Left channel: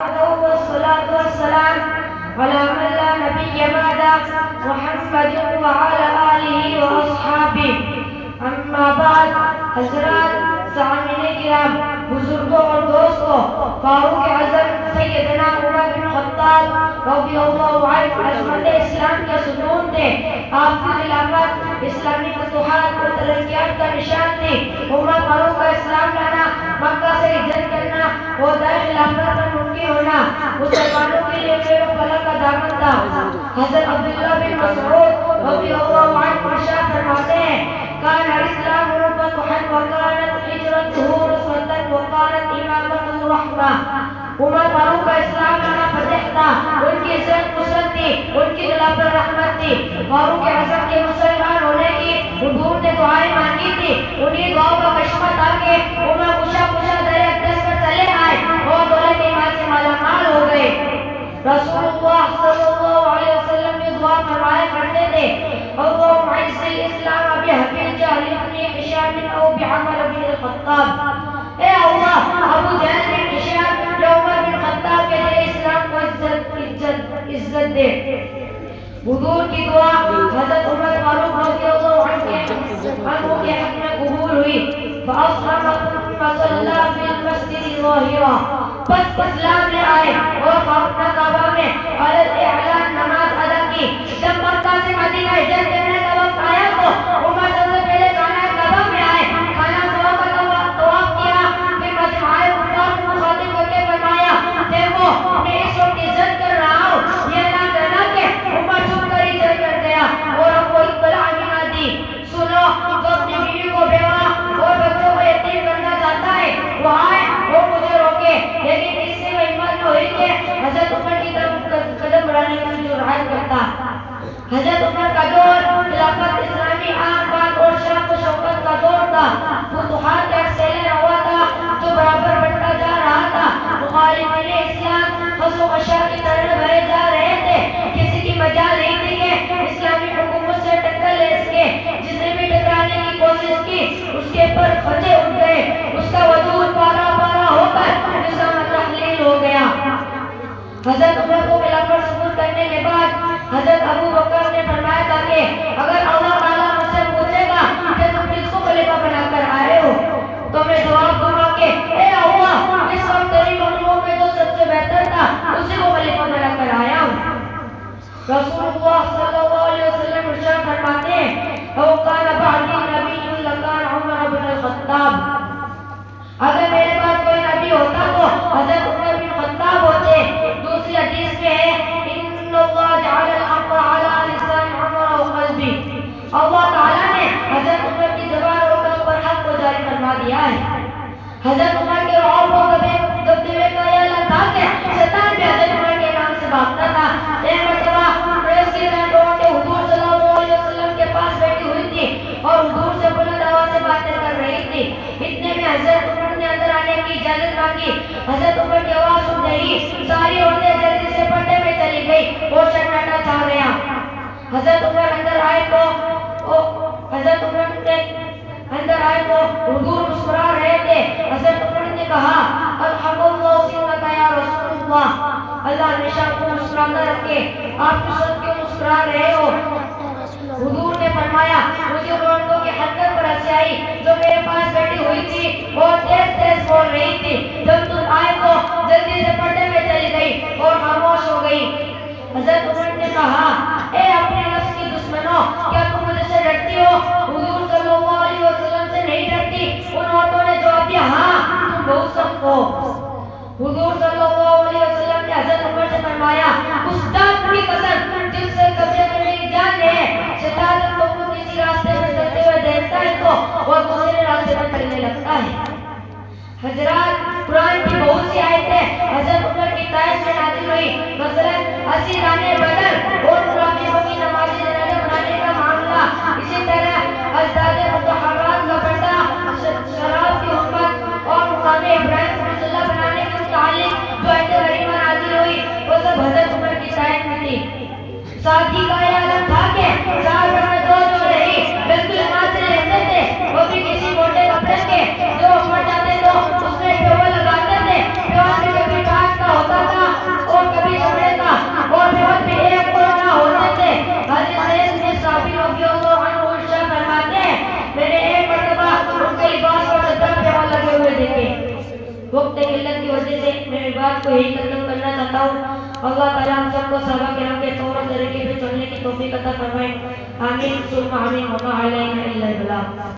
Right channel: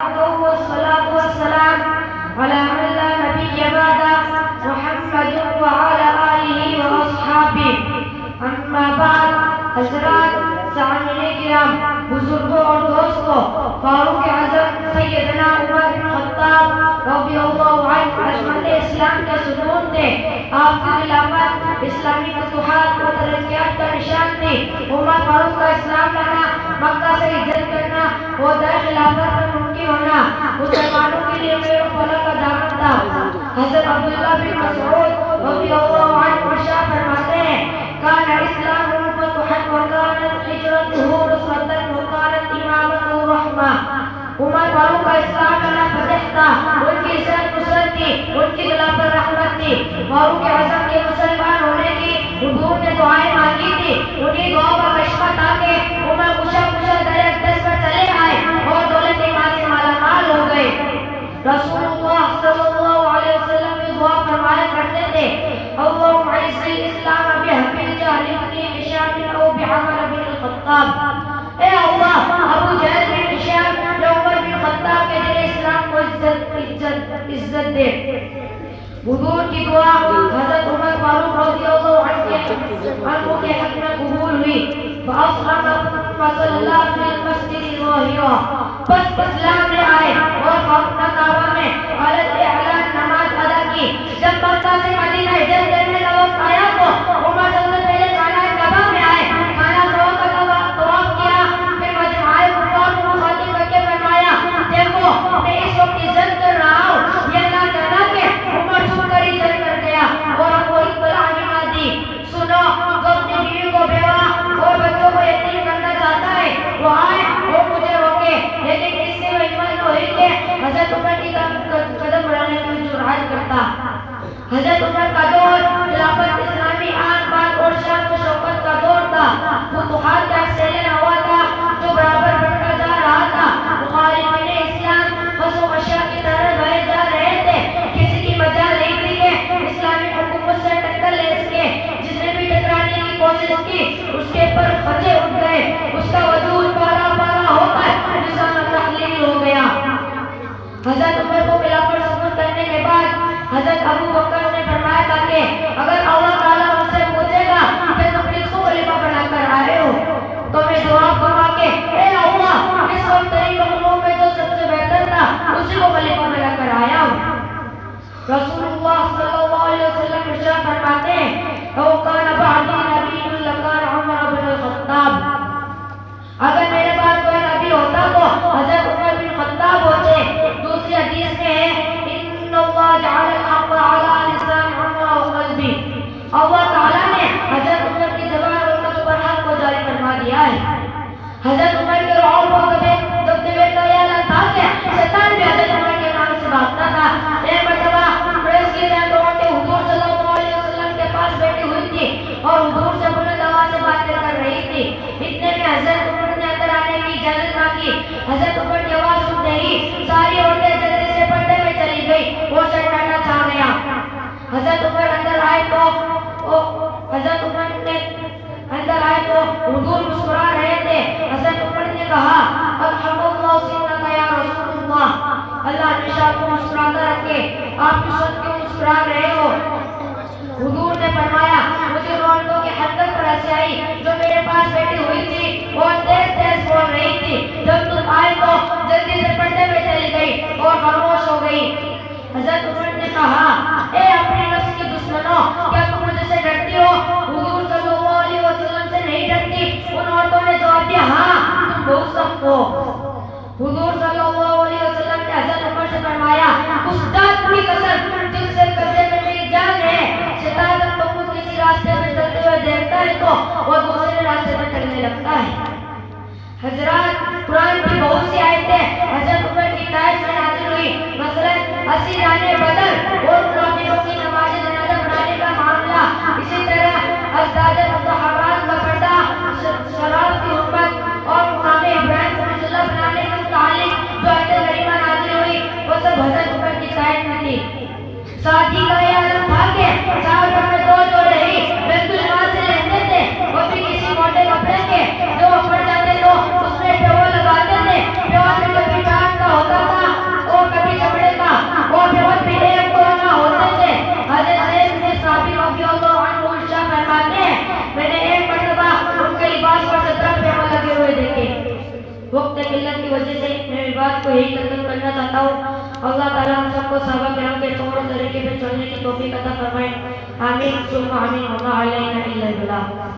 والصلاة والسلام على من لا نبي بعده محمد وعلى آله وأصحابه اما بعد. حضرات سامعین کرام، بزرگوں اور دوستوں، فاروق اعظم سیدنا عمر بن خطاب رضی اللہ عنہ عظمت اسلام کے ستون تھے. آپ کی خلافت اسلامی فتوحات و ترقیات کا نشان تھی. عمر فاروق کا اسلام لانا، مکہ سے ہجرت کرنا، وہ در خلافت پر ممکن ہونا مسلمانوں کے لیے خیر و فلاح کا دامن تھا. حضرت عبداللہ بن مسعود رضی اللہ عنہ ارشاد فرماتے ہیں، کان اسلام فتحا وکانت ہجرتہ رسوۃ وکانت امامتہ رحمہ. عمر فاروق کا اسلام لانا فتح تھا، ان کی عزت نصرت تھی، ان کی خلافت رحمت تھی. فاروق اعظم کے مسلمان ہونے کی حضور نے دعائیں مانگی تھی. انہیں دعاؤں کا کشمہ تھا کہ انہیں پوچھا در اقدس پر چلے آئے اور دولت ایمان سے مالا مال ہو گئے. رسول اللہ صلی اللہ علیہ وسلم نے دعا فرمایا کرتے تھے، اللہم اعز الاسلام بحب الجہل بن ہشام او بعمر بن الخطاب. اے اللہ، ابو جہل بن ہشام یا عمر بن خطاب کے ذریعے اسلام کو عزت دے. حضور کی دعا حضرت عمر فاروق رضی اللہ عنہ کے حق میں قبول ہوئی. فَأَصْحَبَ فَصَلَّى فِي الْمَسْجِدِ الظَّاهِرَةِ. بس اسلام لے آئے اور اپنا کعبہ میں علیٰ اعلان نماز ادا کی. جب مکہ سے مدینہ ہجرت کرنے کا وقت آیا تو عمر سب سے پہلے خانہ کعبہ میں آئے. خانہ کعبہ کا طواف کیا، پھر مجمع کفار کو مخاطب کر کے فرمایا، دیکھو میں اس وقت عزت کر رہا ہوں. یہ نہ کہنا کہ عمر چھپ کر عزت کر گیا اور ہم کو اطلاع بھی نہ دی. سنو، جو اپنی بیوی کو بیوہ اور بچوں کو یتیم کرنا چاہتا ہے وہ آئے اور مجھے روکے، لیکن اس سے وہ ہمت نہ ہوئی کہ حضرت عمر کی قدم بڑھانے کی جرات کرتا. حضرت عمر کا دور خلافت اسلامی آن بان اور شان و شوکت کا دور تھا. فتوحات کا ایکسیلر ہوا تھا جو برابر بڑھتا جا رہا تھا. مخالفین اسلام خس و خشاع کی طرح بھرے جا رہے تھے. کسی کی مجال نہیں تھی کہ اسلامی حکومت سے ٹکر لے سکے. جس نے بھی ٹکرانے کی کوشش کی اس کے پر خطے اٹھ گئے. اس کا وجود پارا پارا ہو کر نظام تحلیل ہو گیا. حضرت عمر کو خلافت سپرد کرنے کے بعد حضرت ابو بکر نے فرمایا تھا کہ اگر اللہ تعالیٰ مجھ سے پوچھے گا کہ تم کس کو خلیفہ بنا کر آئے ہو تو میں جواب دوں گا کہ اے اللہ، اس وقت تیری مخلوق میں جو سب سے بہتر تھا اسی کو خلیفہ بنا کر آیا ہوں. رسول اللہ صلی اللہ علیہ وسلم ارشاد فرماتے ہیں، او کان بعدی نبی لکان عمر بن الخطاب. اگر میرے بعد کوئی نبی ہوتا تو حضرت عمر بن خطاب ہوتے. دوسری حدیث میں ہے، ان اللہ جعل الحق علی لسان عمر وقلبی. اللہ تعالیٰ نے حضرت عمر کی زبان اور قلب پر حق کو جاری فرما دیا ہے. حضرت عمر کے رعب و دبدبے کا یہ اعلان تھا کہ شیطان بھی حضرت عمر کے نام سے بھاگتا تھا. ایک مرتبہ قریش کی جانوروں کے حضور صلی اللہ علیہ وسلم کے پاس بیٹھی ہوئی تھی اور حضور سے بلند آواز سے باتیں کر رہی تھی. اتنے میں حضرت عمر نے اندر آنے کی اجازت مانگی. حضرت عمر کی آواز سنتے ہی ساری عورتیں جلدی سے پردے میں چلی گئی اور سناٹا چھا گیا. حضرت عمر اندر آئے تو حضور مسکرا رہے تھے. حضرت عمر نے کہا، الحمد اللہ سنت یا رسول اللہ، اللہ ہمیشہ آپ کو مسکراتا رکھے، آپ کس وقت کیوں مسکرا رہے ہو؟ حضور نے فرمایا، مجھے عورتوں کی حرکت پر ہنسی آئی جو میرے پاس بیٹھی ہوئی تھی اور تیز تیز بول رہی تھی. جب تم آئے تو جلدی سے پردے میں چلی گئی اور خاموش ہو گئی. حضرت عمر نے کہا، اے اپنے نفس کے دشمنوں، کیا تم مجھے سے ڈرتی ہو؟ حضور صلی اللہ علیہ وسلم سے نہیں ڈرتی. ان عورتوں نے جواب دیا، ہاں تم بہت سخت ہو. حضور صلی اللہ علیہ وسلم نے حضرت عمر سے فرمایا، اس ذات کی قسم جس سے قبضے میں میری جان ہے، شیطان تم کو کسی راستے میں چلتے ہوئے دیکھتا ہے تو وہ دوسرے راستے پر چلنے لگتا ہے. حضرات، قرآن کی بہت سی آیتیں حضرت عمر کی تائید میں نازل ہوئی. مثلاً 80 دانے بدر اور منافقوں کی نماز جنازہ پڑھانے کا معاملہ. اسی طرح ازداد مطہرات کا پردہ، شراب کی حرمت اور مقام ابراہیم کو مسلح بنانے کے متعلق جو آیتیں کریمہ نازل ہوئی وہ سب حضرت عمر کی تائید میں تھی. ساتھی کا یہ عالم تھا کہ سال بھر میں 2 جوڑے ہی بیت المال سے لیتے تھے، وہ بھی کسی موٹے کپڑے کے جو پڑ جاتے تو اس میں پیور لگاتے تھے. پیور میں کبھی ڈانٹ کا ہوتا تھا وقت قلت کی وجہ سے میں بات کو یہی ختم کرنا چاہتا ہوں. اللہ تعالیٰ ہم سب کو صحابہ کرام کے طور طریقے پہ چلنے کی توفیق عطا فرمائے. آمین ثم آمین وما علینا الا البلاغ.